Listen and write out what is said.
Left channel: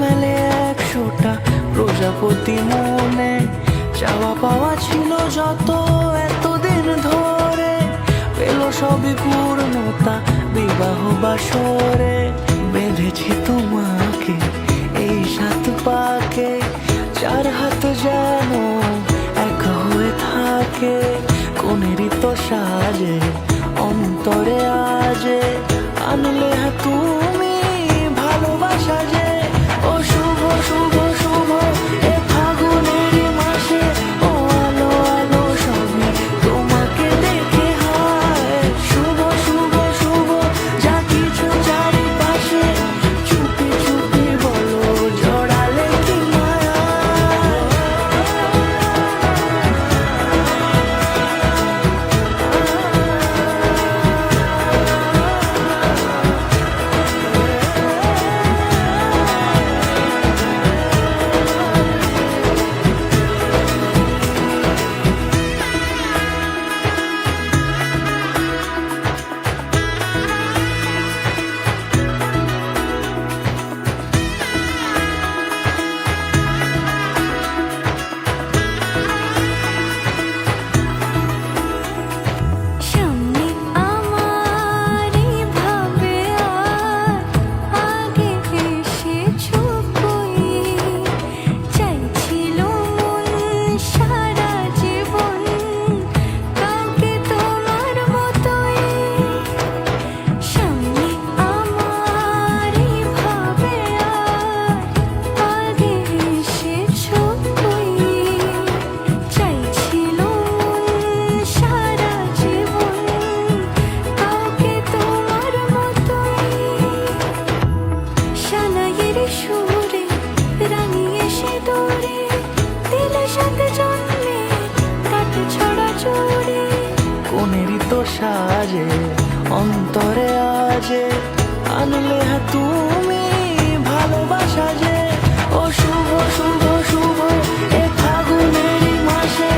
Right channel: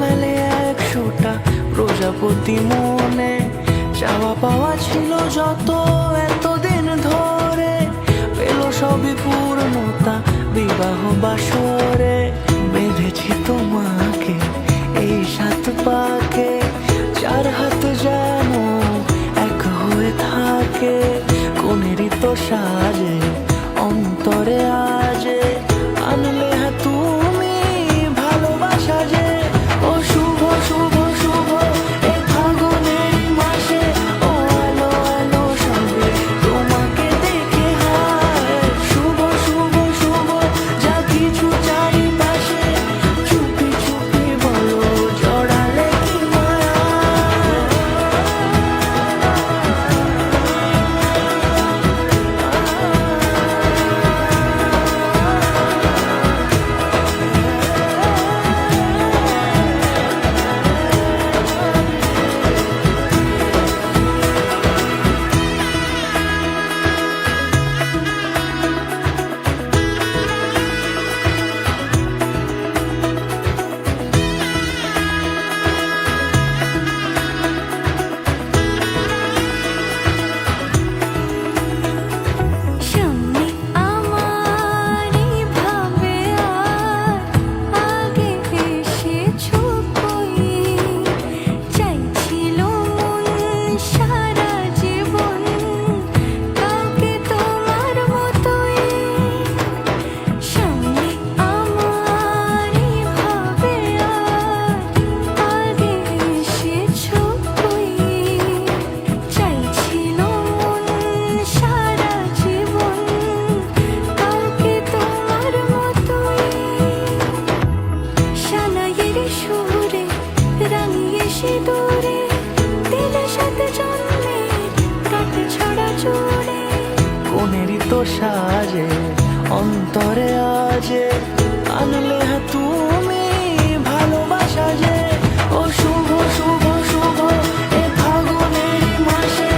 মেলে 100টা প্রজাপতি মনে, চাওয়া পাওয়া ছিল যত এতদিন ধরে, পেল সবই পূর্ণতা বিবাহ বাসরে। বেঁধেছি তোমাকে এই 7 পাকে, 4 হাত যেন এক হয়ে থাকে। কোনেরই তো সাজে অন্তরে আজে, আনলে তুমি ভালোবাসা যে। ও শুভ শুভ শুভ এ ফাগুনেরই মাসে, ও আলো আলো সবই তোমাকে দেখে হায়। শুভ শুভ শুভ যা কিছু চারিপাশে, চুপি চুপি বলো জড়ালে কি মায়া। সুরে রাঙিয়ে সে দূরে, দিলে 7 জন্মের কাট ছড়া জুড়ে। কোনেরই তো সাজে অন্তরে আজে, আনলে তুমি ভালোবাসা যে। ও শুভ শুভ শুভ এ ফাগুনেরই মাসে,